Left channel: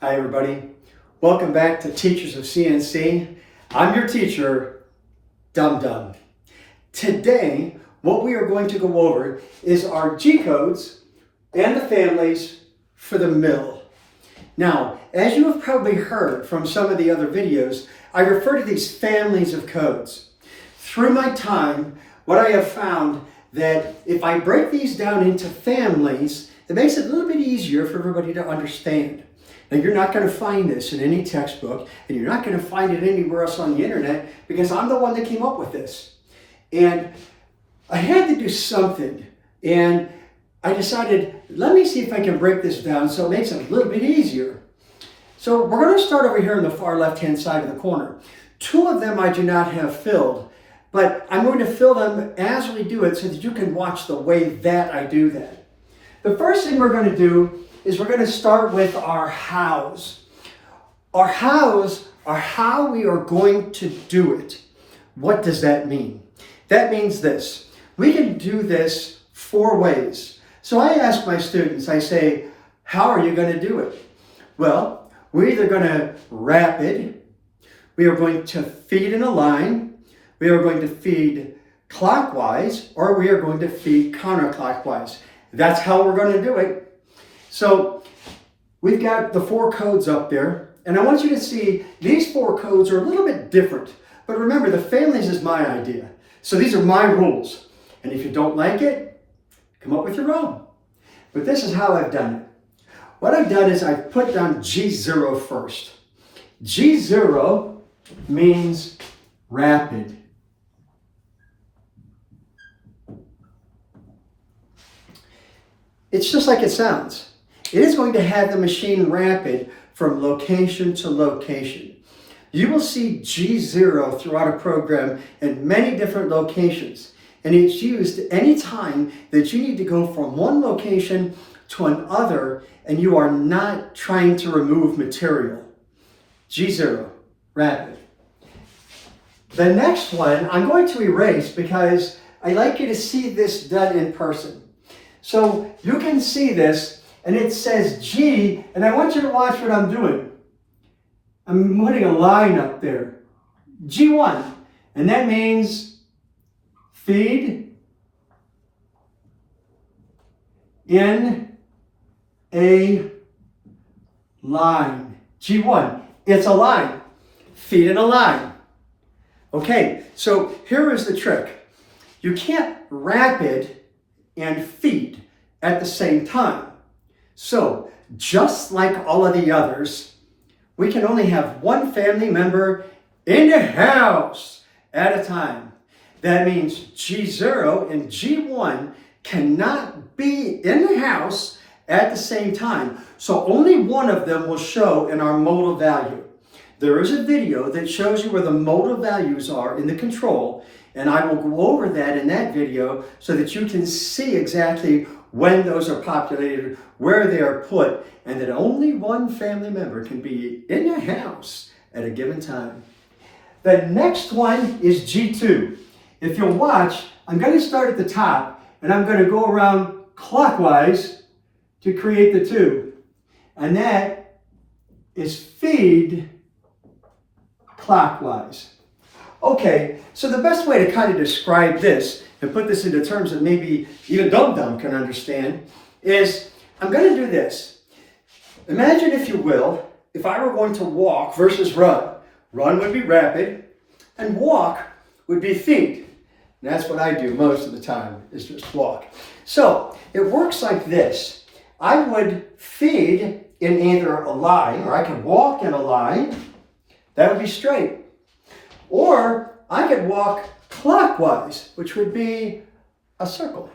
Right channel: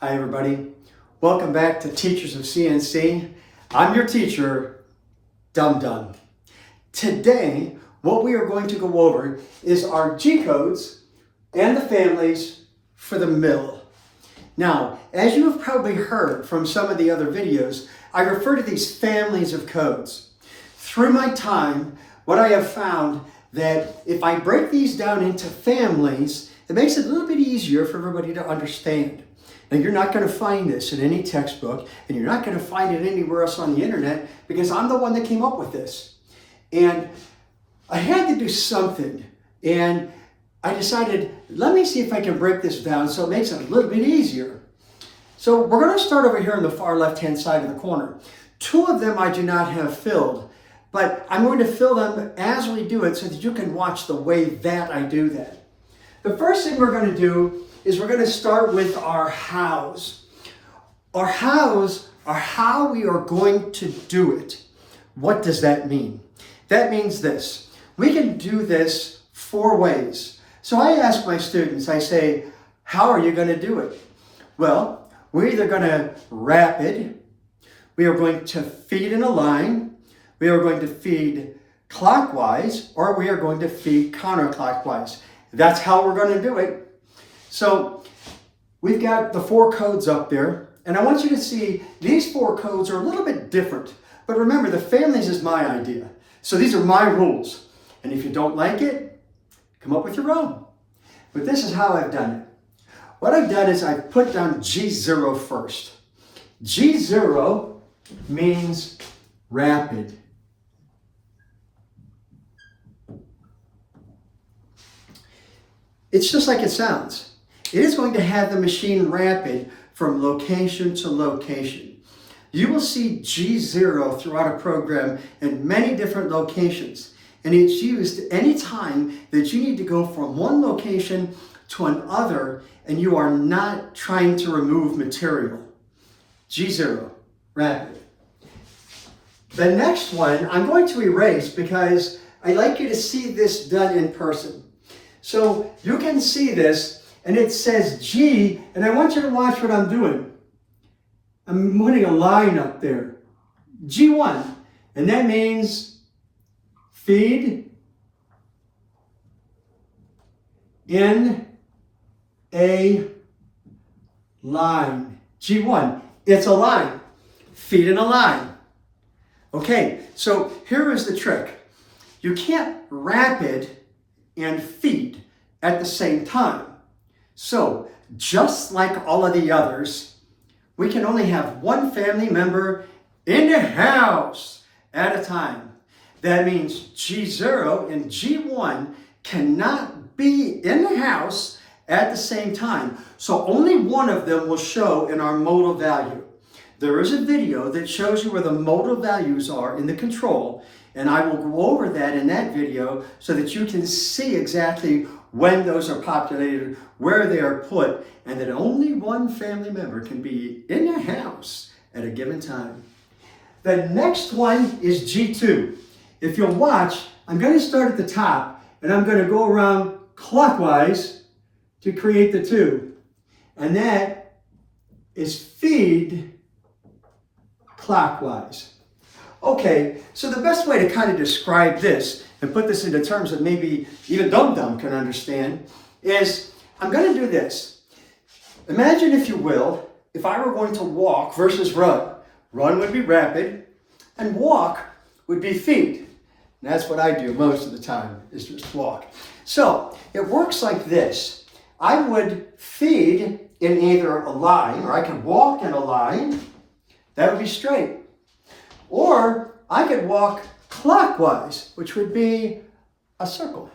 Hi everybody, welcome back to Teachers of CNC. I'm your teacher, Dum Dum. Today, what we are going to go over is our G codes and the families for the mill. Now, as you have probably heard from some of the other videos, I refer to these families of codes. Through my time, what I have found that if I break these down into families, it makes it a little bit easier for everybody to understand. Now, you're not going to find this in any textbook, and you're not going to find it anywhere else on the internet, because I'm the one that came up with this. And I had to do something, and I decided, let me see if I can break this down so it makes it a little bit easier. So we're going to start over here on the far left-hand side of the corner. Two of them I do not have filled, but I'm going to fill them as we do it so that you can watch the way that I do that. The first thing we're going to do is we're going to start with our hows. Our hows are how we are going to do it. What does that mean? That means this. We can do this 4 ways. So I ask my students, I say, how are you going to do it? Well, we're either going to rapid, we are going to feed in a line, we are going to feed clockwise, or we are going to feed counterclockwise. That's how we're going to do it. So we've got the 4 codes up there, and I want you to see these 4 codes are a little bit different. But remember, the families is my idea. So these are my rules. And if you don't like it, come up with your own. But this is how I've done it. What I've done is I've put down G0 first. G0 means rapid. It's just like it sounds. It is going to have the machine rapid from location to location. You will see G0 throughout a program in many different locations, and it's used any time that you need to go from one location to another and you are not trying to remove material. G0, rapid. The next one I'm going to erase because I'd like you to see this done in person. So you can see this, and it says G, and I want you to watch what I'm doing. I'm putting a line up there. G1, and that means feed in a line. G1, it's a line. Feed in a line. Okay, so here is the trick. You can't rapid and feed at the same time. So, just like all of the others, we can only have one family member in the house at a time. That means G0 and G1 cannot be in the house at the same time. So only one of them will show in our modal value. There is a video that shows you where the modal values are in the control, and I will go over that in that video so that you can see exactly when those are populated, where they are put, and that only one family member can be in the house at a given time. The next one is G2. If you'll watch, I'm going to start at the top, and I'm going to go around clockwise to create the 2. And that is feed clockwise. Okay, so the best way to kind of describe this and put this into terms that maybe even Dum Dum can understand is I'm going to do this. Imagine, if you will, if I were going to walk versus run. Run would be rapid, and walk would be feed. And that's what I do most of the time, is just walk. So it works like this. I would feed in either a line, or I could walk in a line. That would be straight. Or I could walk clockwise, which would be a circle.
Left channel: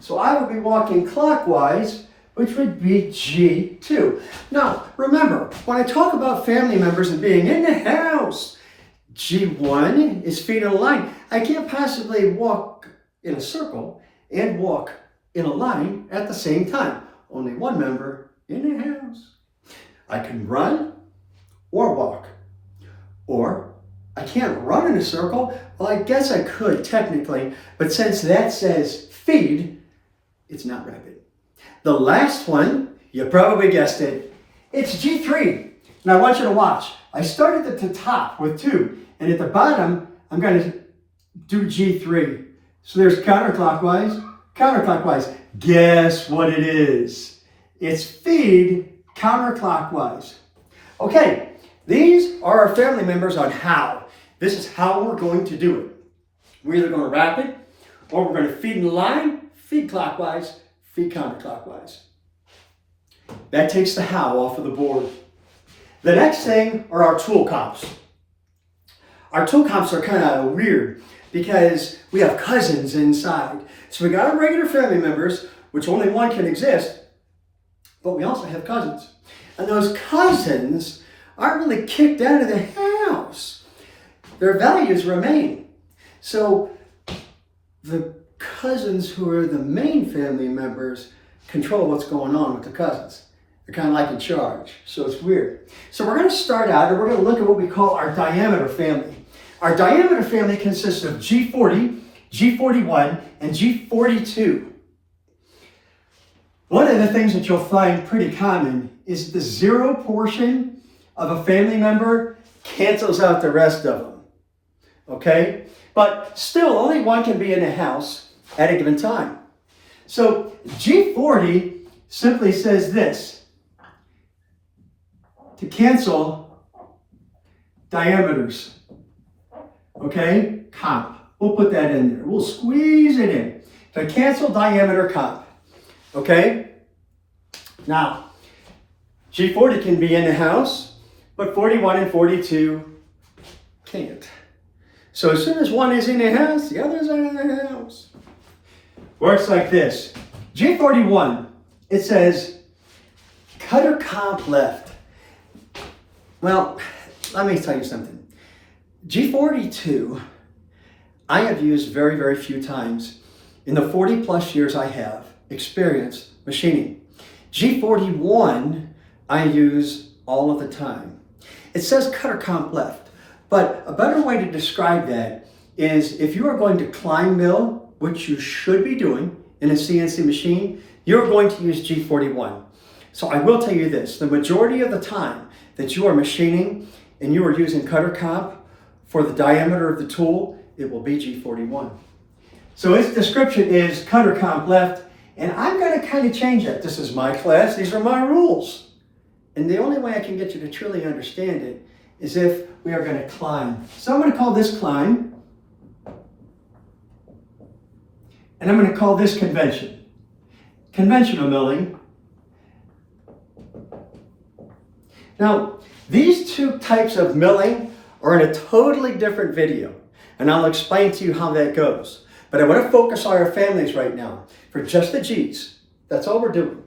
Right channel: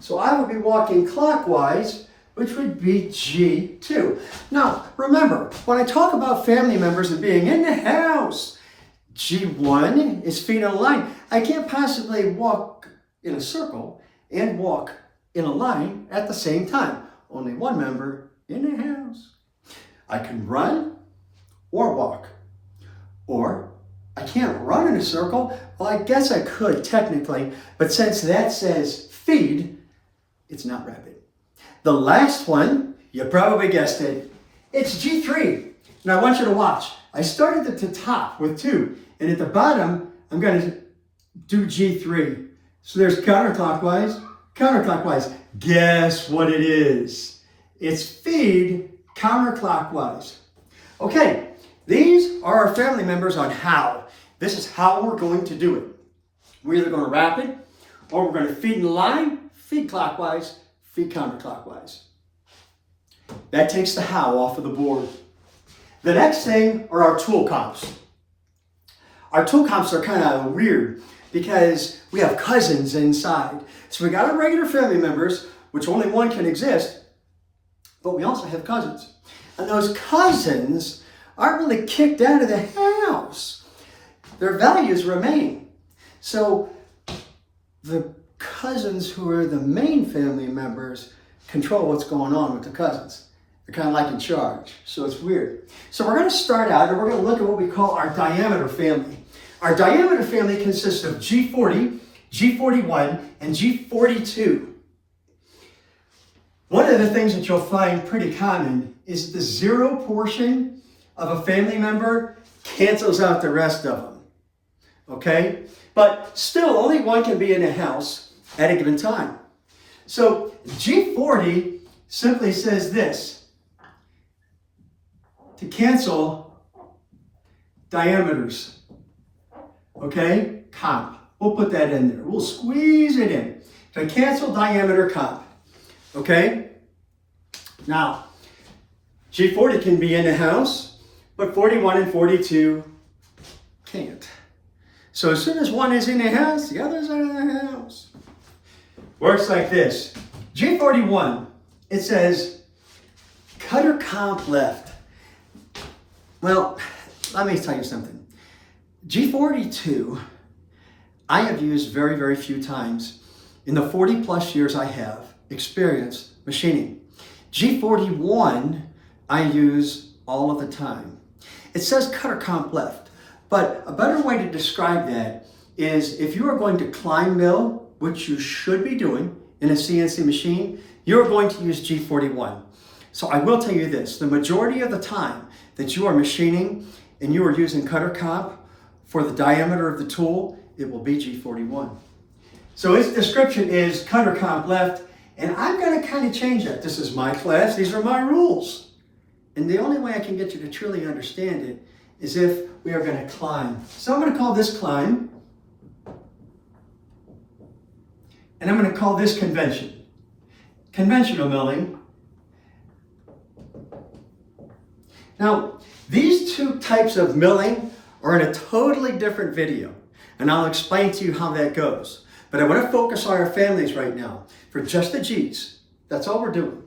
So I would be walking clockwise, which would be G2. Now, remember, when I talk about family members and being in the house, G1 is feet in a line. I can't possibly walk in a circle and walk in a line at the same time. Only one member in the house. I can run or walk. Or I can't run in a circle. Well, I guess I could technically, but since that says feed, it's not rapid. The last one, you probably guessed it, It's G3. And I want you to watch. I started at the top with 2, and at the bottom, I'm going to do G3. So there's counterclockwise, counterclockwise. Guess what it is? It's feed counterclockwise. Okay, these are our family members on how. This is how we're going to do it. We're either going to wrap it, or we're going to feed in the line, feed clockwise, feed counterclockwise. That takes the how off of the board. The next thing are our tool comps. Our tool comps are kind of weird because we have cousins inside. So we got our regular family members, which only one can exist, but we also have cousins. And those cousins aren't really kicked out of the house. Their values remain. So the cousins who are the main family members control what's going on with the cousins. They're kind of like in charge, so it's weird. So we're going to start out and we're going to look at what we call our diameter family. Our diameter family consists of G40, G41, and G42. One of the things that you'll find pretty common is the 0 portion of a family member cancels out the rest of them. Okay? But still, only one can be in a house at a given time. So G40 simply says this: to cancel diameters. Okay? Comp. We'll put that in there. We'll squeeze it in. To cancel diameter comp. Okay? Now, G40 can be in the house, but 41 and 42 can't. So as soon as one is in the house, the others are in the house. Works like this. G41, it says cutter comp left. Well, let me tell you something. G42, I have used very, very few times in the 40 plus years I have experienced machining. G41, I use all of the time. It says cutter comp left, but a better way to describe that is if you are going to climb mill, which you should be doing in a CNC machine, you're going to use G41. So I will tell you this, the majority of the time that you are machining and you are using cutter comp for the diameter of the tool, it will be G41. So its description is cutter comp left, and I'm going to kind of change that. This is my class, these are my rules. And the only way I can get you to truly understand it is if we are going to climb. So I'm going to call this climb, and I'm going to call this convention. Conventional milling. Now, these two types of milling are in a totally different video, and I'll explain to you how that goes. But I want to focus on our families right now for just the G's. That's all we're doing.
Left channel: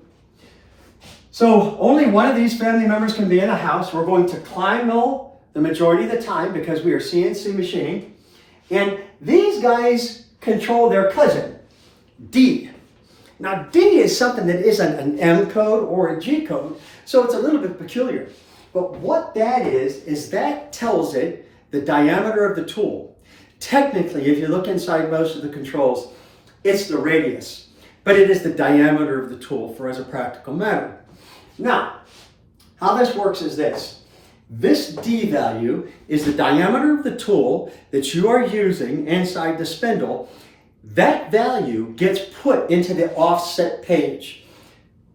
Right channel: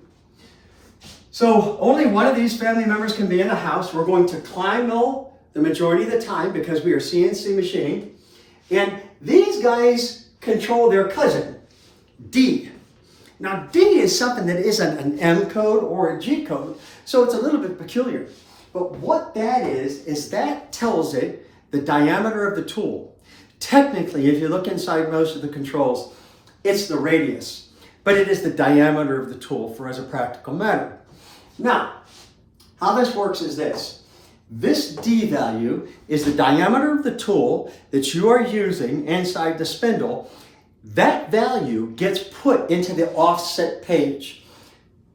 So only one of these family members can be in a house. We're going to climb mill the majority of the time because we are CNC machining. And these guys control their cousin, D. Now D is something that isn't an M code or a G code, so it's a little bit peculiar. But what that is that tells it the diameter of the tool. Technically, if you look inside most of the controls, it's the radius, but it is the diameter of the tool for as a practical matter. Now, how this works is this. This D value is the diameter of the tool that you are using inside the spindle. That value gets put into the offset page.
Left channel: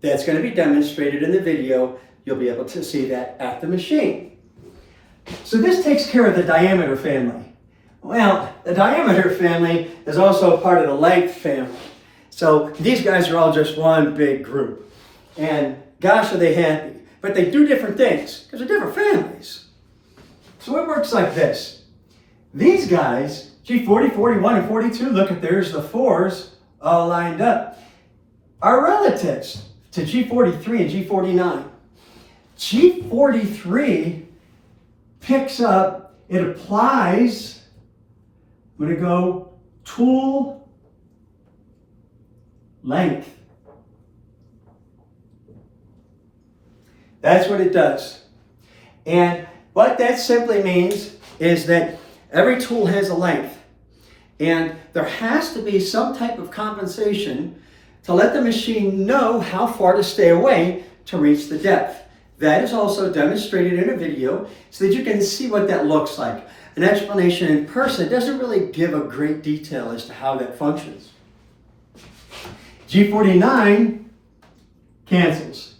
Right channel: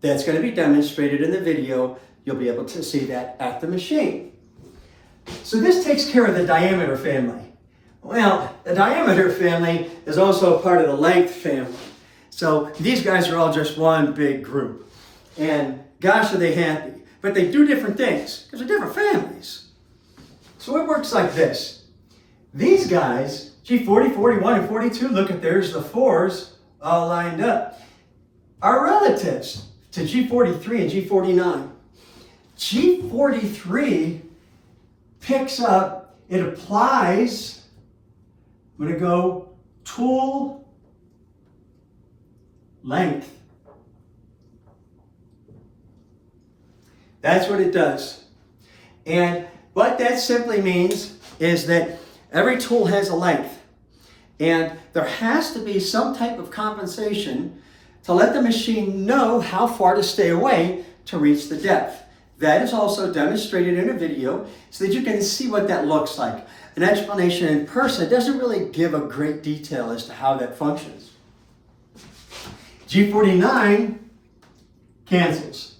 That's going to be demonstrated in the video. You'll be able to see that at the machine. So this takes care of the diameter family. Well, the diameter family is also a part of the length family. So these guys are all just one big group. And gosh, are they happy. But they do different things because they're different families. So it works like this. These guys, G40, 41, and 42, look at there's the 4s all lined up, are relatives to G43 and G49. G43 picks up, it applies, I'm going to go tool length. That's what it does. And what that simply means is that every tool has a length. And there has to be some type of compensation to let the machine know how far to stay away to reach the depth. That is also demonstrated in a video so that you can see what that looks like. An explanation in person doesn't really give a great detail as to how that functions. G49 cancels.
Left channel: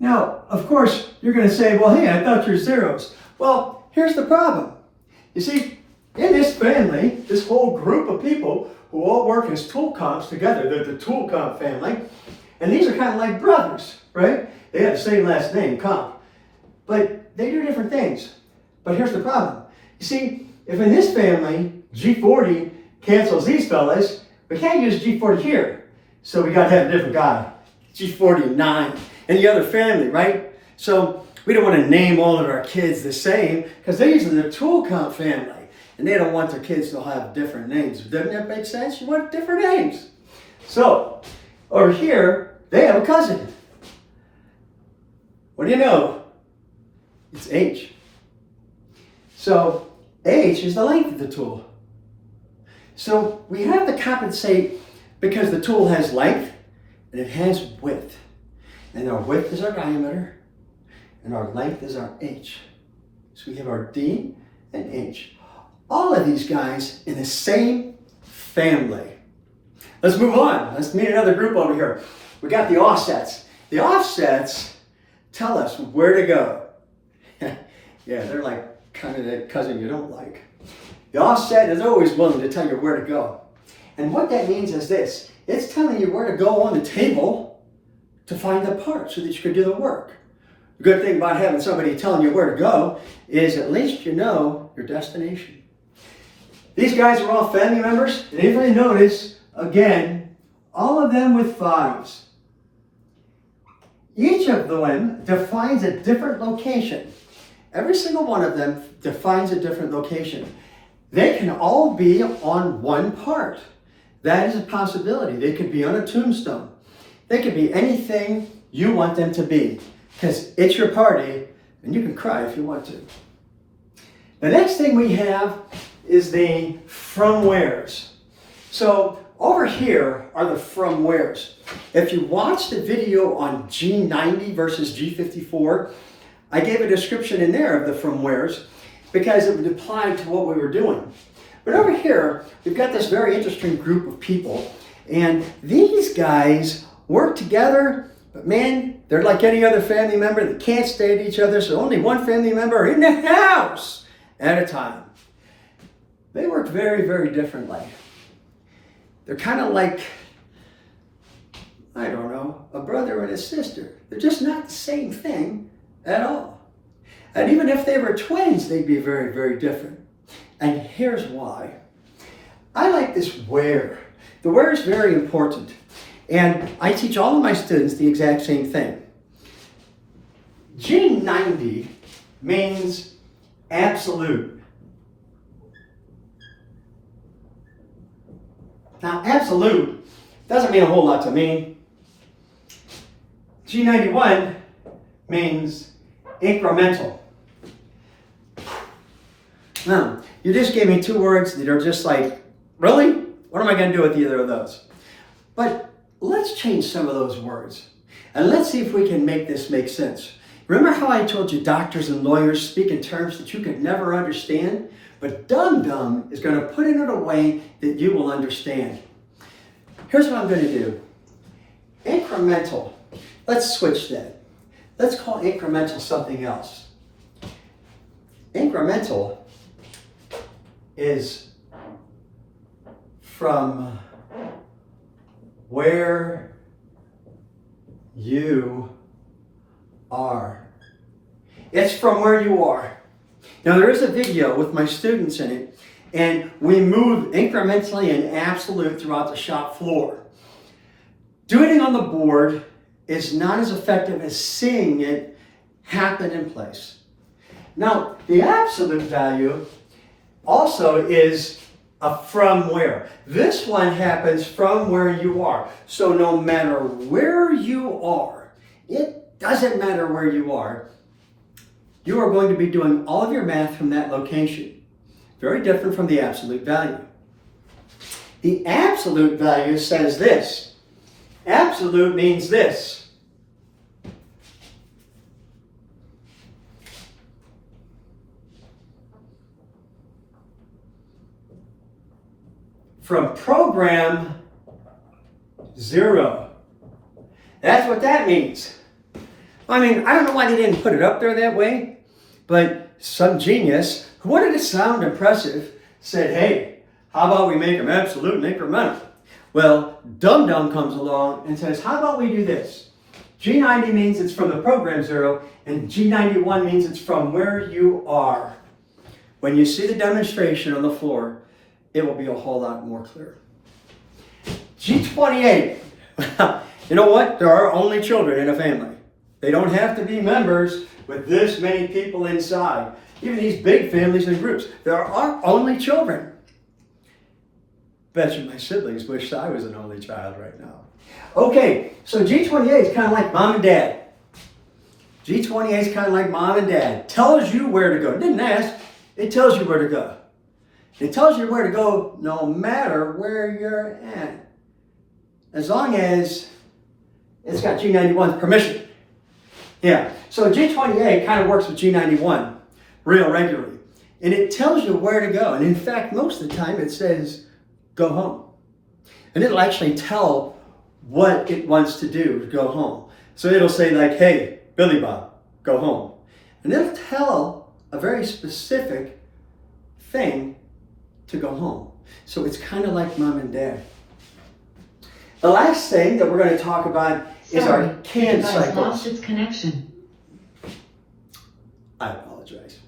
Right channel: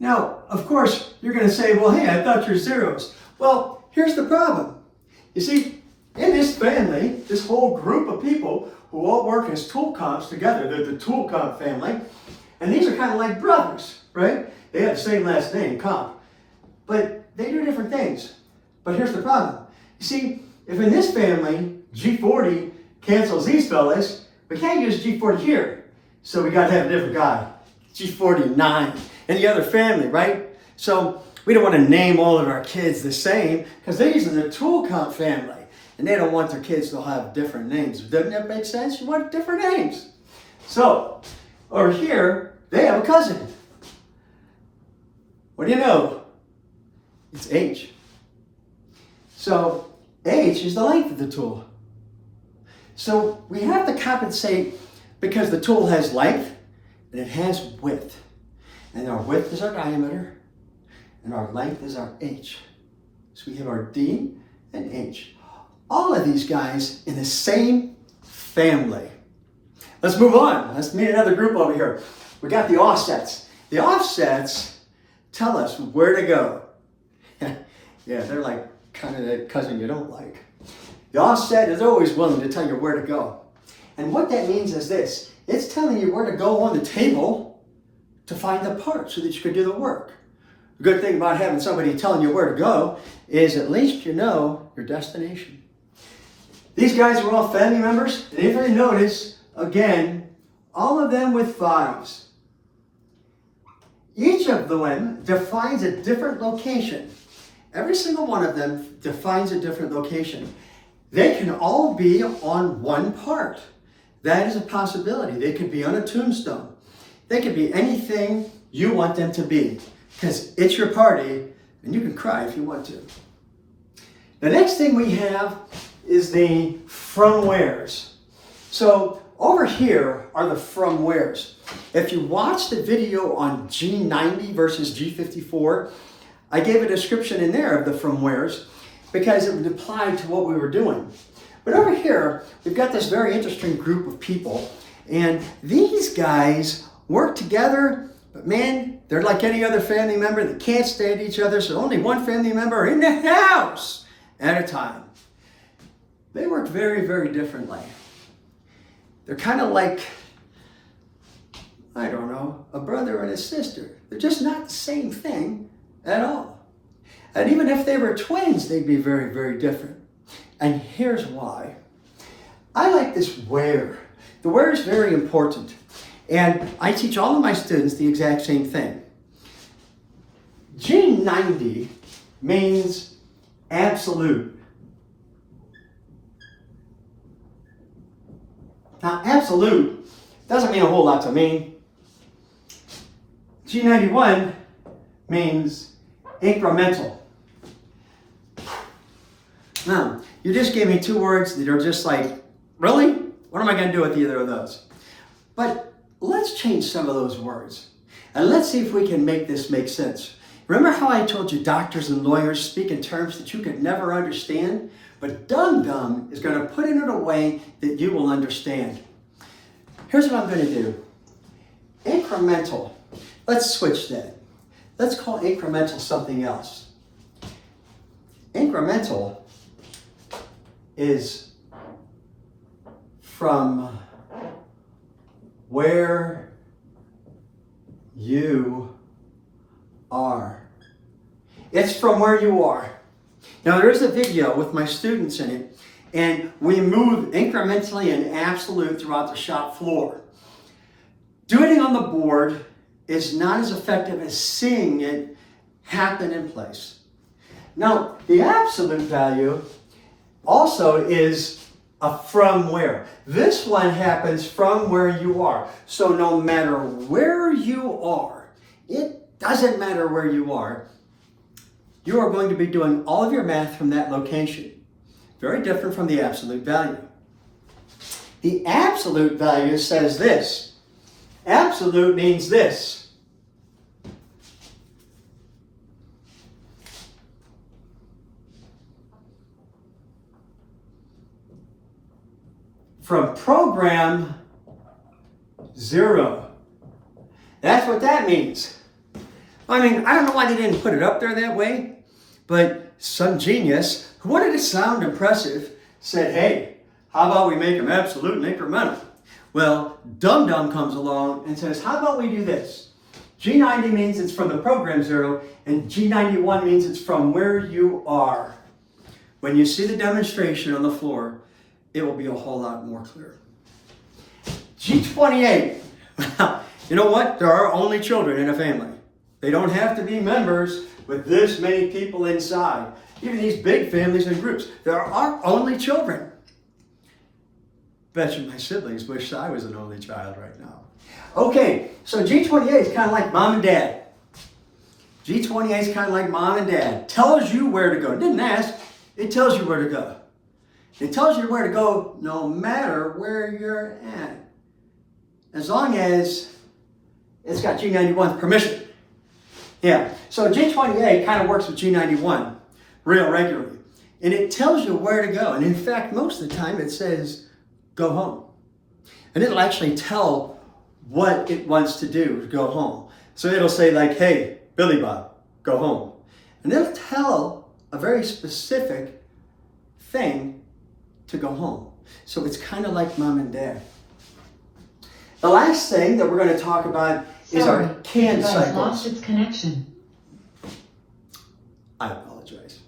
Now, of course, you're going to say, well, hey, I thought you're zeros. Well, here's the problem. You see, in this family, this whole group of people who all work as tool comps together, they're the tool comp family, and these are kind of like brothers, right? They have the same last name, comp, but they do different things. But here's the problem. You see, if in this family, G40 cancels these fellas, we can't use G40 here. So we got to have a different guy. G49 in the other family, right? So we don't want to name all of our kids the same because these are the tool comp family. And they don't want their kids to have different names. Doesn't that make sense? You want different names. So over here, they have a cousin. What do you know? It's H. So H is the length of the tool. So we have to compensate because the tool has length and it has width. And our width is our diameter and our length is our H. So we have our D and H. All of these guys in the same family. Let's move on. Let's meet another group over here. We got the offsets. The offsets tell us where to go. Yeah, they're like kind of that cousin you don't like. The offset is always willing to tell you where to go. And what that means is this. It's telling you where to go on the table to find the part so that you can do the work. The good thing about having somebody telling you where to go is at least you know your destination. These guys are all family members. And if you notice, again, all of them with 5s. Each of them defines a different location. Every single one of them defines a different location. They can all be on one part. That is a possibility. They could be on a tombstone. They could be anything you want them to be because it's your party and you can cry if you want to. The next thing we have is the from wheres. So over here are the from wheres. If you watch the video on G90 versus G54, I gave a description in there of the from wheres because it would apply to what we were doing. But over here, we've got this very interesting group of people, and these guys work together, but man, they're like any other family member. They can't stand each other, so only one family member in the house at a time. They work very, very differently. They're kind of like, I don't know, a brother and a sister. They're just not the same thing at all. And even if they were twins, they'd be very, very different. And here's why. I like this where. The where is very important. And I teach all of my students the exact same thing. G90 means absolute. Now, absolute doesn't mean a whole lot to me. G91 means incremental. Now, you just gave me 2 words that are just like, really? What am I going to do with either of those? But let's change some of those words. And let's see if we can make this make sense. Remember how I told you doctors and lawyers speak in terms that you could never understand? But Dum is going to put it in a way that you will understand. Here's what I'm going to do. Incremental. Let's switch that. Let's call incremental something else. Incremental is from where you are. It's from where you are. Now there is a video with my students in it, and we move incrementally and absolute throughout the shop floor. Doing it on the board is not as effective as seeing it happen in place. Now, the absolute value also is a from where. This one happens from where you are. So no matter where you are, it doesn't matter where you are, you are going to be doing all of your math from that location. Very different from the absolute value. The absolute value says this. Absolute means this. from program 0. That's what that means. I mean, I don't know why they didn't put it up there that way, but some genius who wanted to sound impressive said, hey, how about we make them absolute and incremental? Well, Dum Dum comes along and says, how about we do this? G90 means it's from the program 0, and G91 means it's from where you are. When you see the demonstration on the floor, it will be a whole lot more clear. G28. You know what? There are only children in a family. They don't have to be members with this many people inside. Even these big families and groups, there are only children. Bet you my siblings wish I was an only child right now. Okay, so G28 is kind of like mom and dad. G28 is kind of like mom and dad. Tells you where to go. It didn't ask, it tells you where to go. It tells you where to go no matter where you're at. As long as it's got G91's permission. Yeah, so G28 kind of works with G91 real regularly. And it tells you where to go. And in fact, most of the time it says, go home. And it'll actually tell what it wants to do, go home. So it'll say like, hey, Billy Bob, go home. And it'll tell a very specific thing to go home. So it's kind of like mom and dad. The last thing that we're going to talk about is our CAN cycles. Lost its connection. I apologize.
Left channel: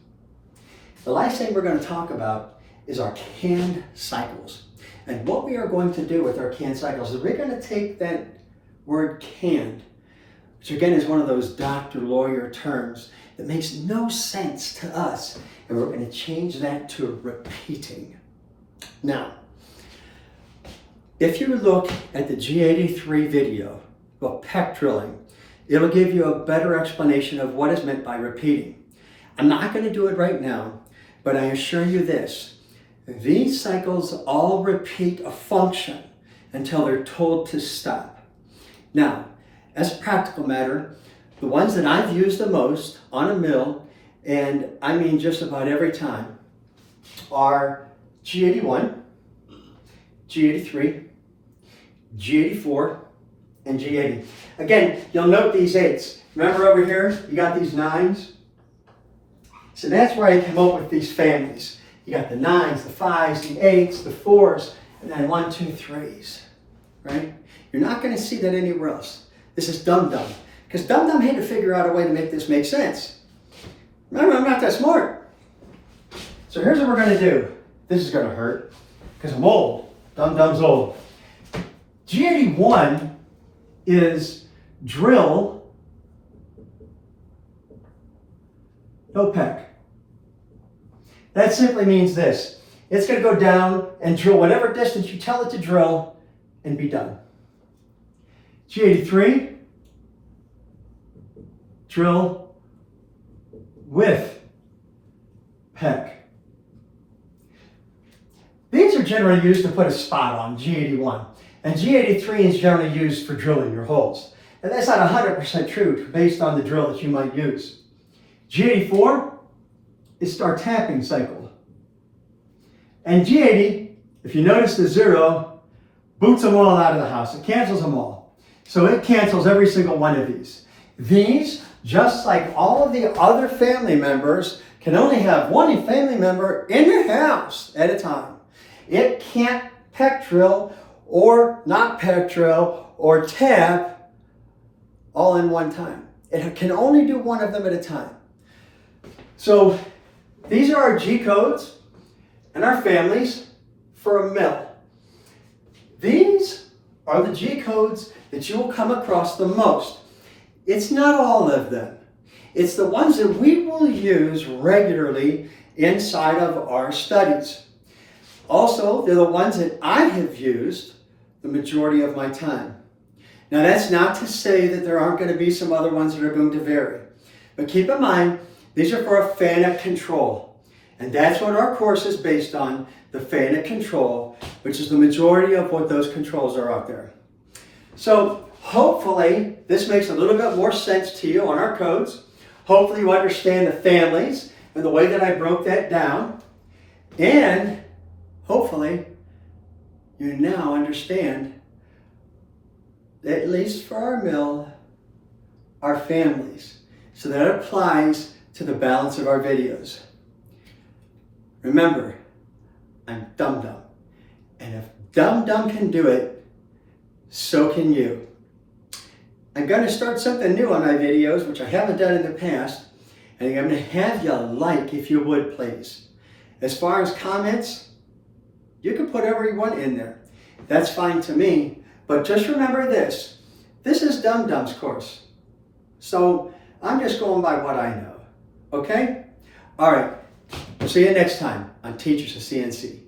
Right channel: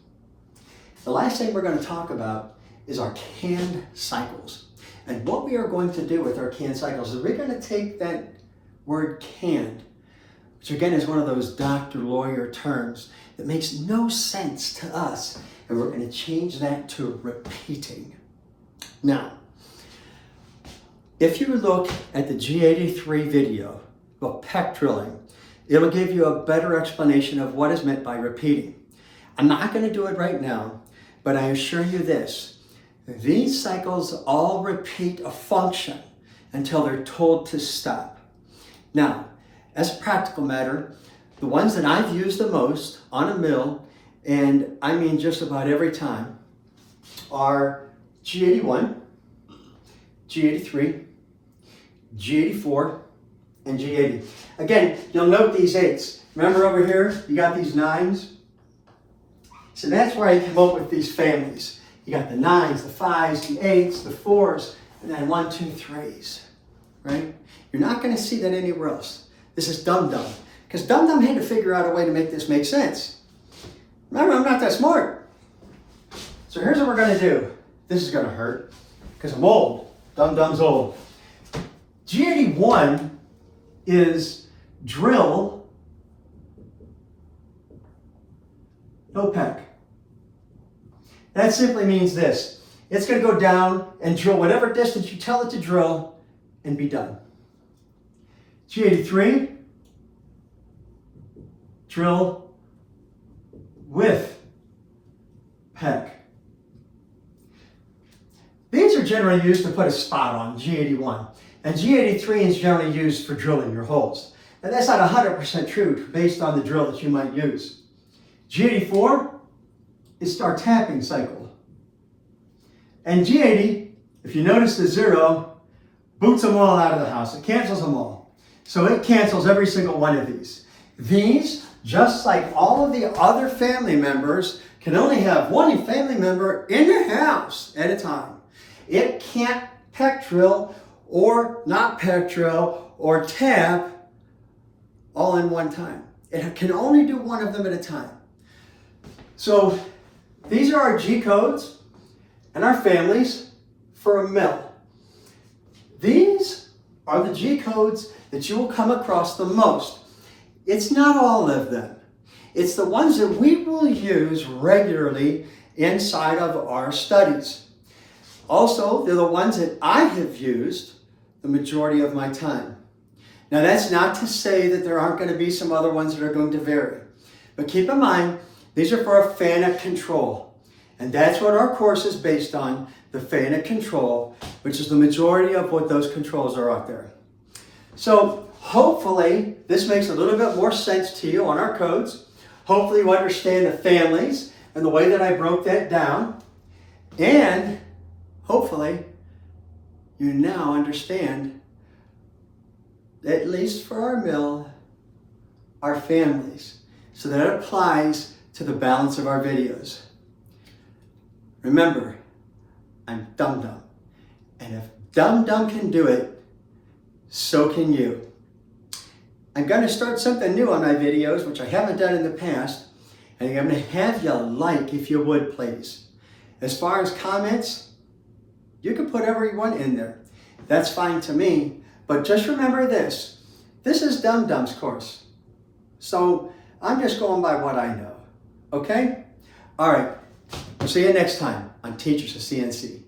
The last thing we're going to talk about is our CAN cycles. And what we are going to do with our CAN cycles is we're going to take that word canned, which again is one of those doctor lawyer terms that makes no sense to us, and we're going to change that to repeating. Now, if you look at the G83 video of pec drilling, it'll give you a better explanation of what is meant by repeating. I'm not going to do it right now, but I assure you this. These cycles all repeat a function until they're told to stop. Now, as a practical matter, the ones that I've used the most on a mill, and I mean just about every time, are G81, G83, G84, and G80. Again, you'll note these 8s. Remember over here, you got these 9s? So that's where I came up with these families. You got the 9s, the 5s, the 8s, the 4s, and then 1, 2, 3s, right? You're not going to see that anywhere else. This is Dum Dum, because Dum Dum had to figure out a way to make this make sense. Remember, I'm not that smart. So here's what we're going to do. This is going to hurt, because I'm old. Dum Dum's old. G81 is drill, no pec. That simply means this. It's going to go down and drill whatever distance you tell it to drill and be done. G83, drill with pec. These are generally used to put a spot on G81. And G83 is generally used for drilling your holes. And that's not 100% true based on the drill that you might use. G84 is start tapping cycle. And G80, if you notice the 0, boots them all out of the house. It cancels them all. So it cancels every single one of these. These, just like all of the other family members, can only have one family member in the house at a time. It can't pec drill or not pec drill or tap all in one time. It can only do one of them at a time. So these are our G codes and our families for a mill. These are the G codes that you will come across the most. It's not all of them. It's the ones that we will use regularly inside of our studies. Also, they're the ones that I have used the majority of my time. Now, that's not to say that there aren't going to be some other ones that are going to vary. But keep in mind, these are for a FANUC control. And that's what our course is based on, the FANUC control, which is the majority of what those controls are out there. So hopefully this makes a little bit more sense to you on our codes. Hopefully you understand the families and the way that I broke that down. And hopefully you now understand, at least for our mill, our families. So that applies to the balance of our videos. Remember, I'm Dum Dum. And if Dum Dum can do it, so can you. I'm going to start something new on my videos, which I haven't done in the past. And I'm going to have you like, if you would, please. As far as comments, you can put everyone in there. That's fine to me. But just remember this. This is Dum Dum's course. So I'm just going by what I know. Okay? All right. We'll see you next time on Teachers of CNC.